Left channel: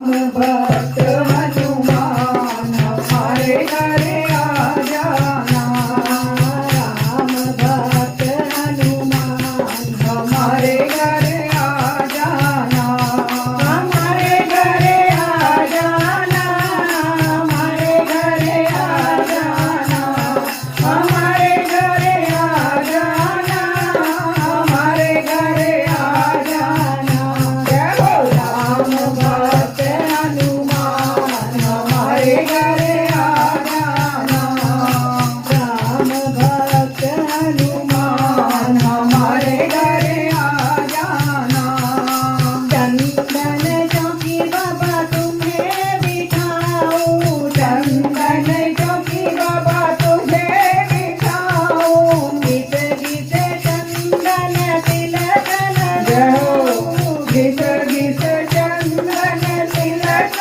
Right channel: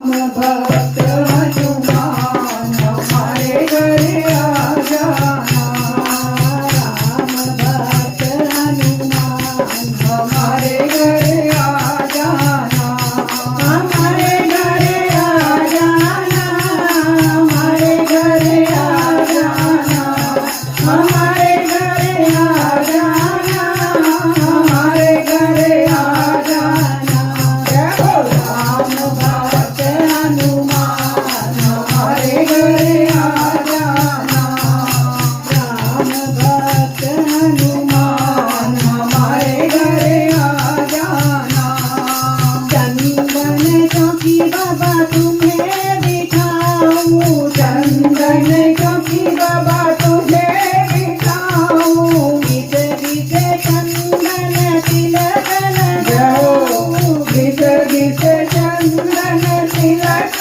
भक्त हनुमान हमारे घरे आ जाना। राम भक्त हनुमान हमारे घरे आ जाना। हमारे घरे आ जाना। हमारे घरे आ जाना। हमारे घरे आ जाना। हमारे घरे आ जाना। जय हो राम भक्त हनुमान हमारे घरे आ जाना। राम भक्त हनुमान हमारे घरे आ जाना। चंदन चौकी बाबा तुम्हें बिठाऊं। चंदन चौकी बाबा तुझे बिठाऊं। गीत गीत चंदन तिलक लगाऊं। गीत गीत चंदन तिलक